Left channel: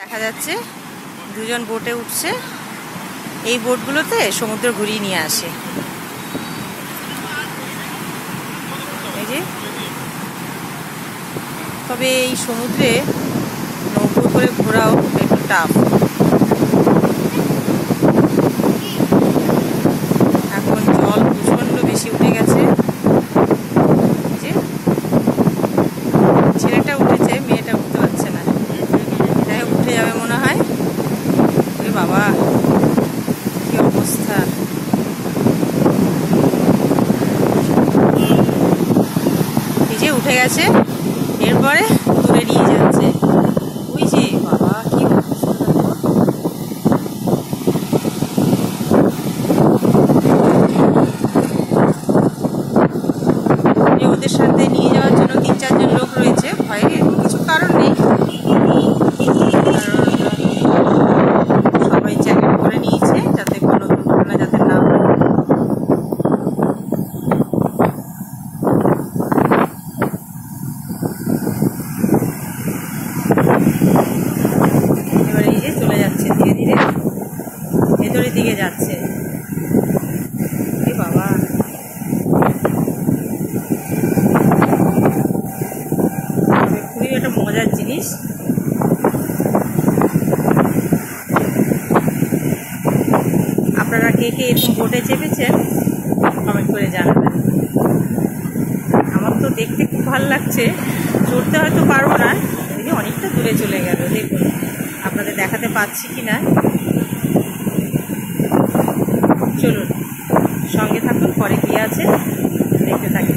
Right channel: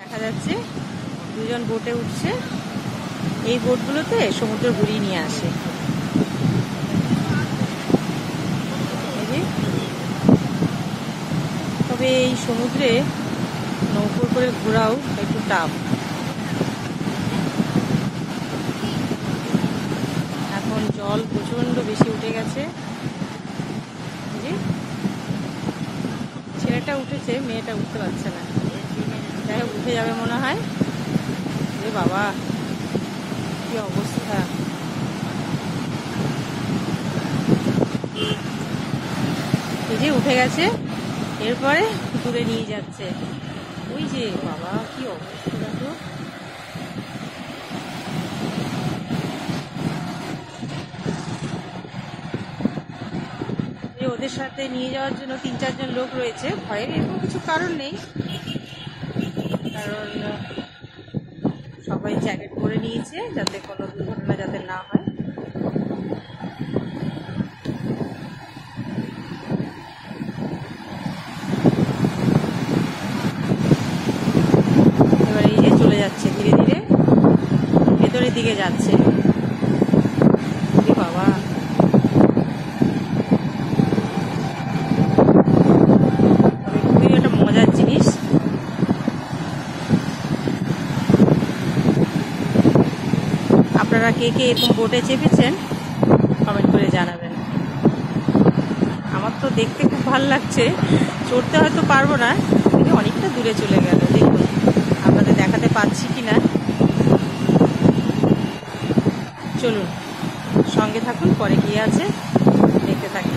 দেখা যাচ্ছে দুজন বোটে উঠছে। এই বোটগুলোতে সমুদ্র ঘুরিয়ে নিয়ে আসে। এই যে, তবে এই সমুদ্রে নৌকো করে ঘোরাও একটু টাফ। এখন জল প্রচন্ড বেশি উঠে গেছে। যে ছেলেটা উঠেছে, মেয়েটা উঠতে পারছে না। যাই হোক, উঠে যাবে মনে হয়। ওরে বাবা, কি অবস্থা! এই যে উঠে গেছে, এরপরে দূরে নিয়ে যাচ্ছে। ওই যে বাবা, কি অবস্থা! ওদের সাথে নিয়ে যাওয়ার জন্য ৩-৪ জন লোক রয়েছে। ভয়ের এরকম কিছু কারণ নেই, কারণ সবাই জ্যাকেট করে নিয়েছে যাতে কোনো দুর্ঘটনা যাতে না হয়। এবার এই যে চলে যাচ্ছে, ধীরে ধীরে ভেতরের দিকে যাচ্ছে। এ বাবা, খুবই একটা মজার জিনিস। আপনারা কে কে এরকম বোটে চেপেছেন কমেন্ট করে জানাবেন। আমার তো দেখতে খুব ভালো লাগছে, চড়তে হয়তো পারবো না। দেখি অনেকটা দূরে চলে গেল, দেখুন আপনাদের দেখাতে পাচ্ছি কি না। চলুন সঙ্গে থাকুন, পরে কি আছে দেখতে থাকি।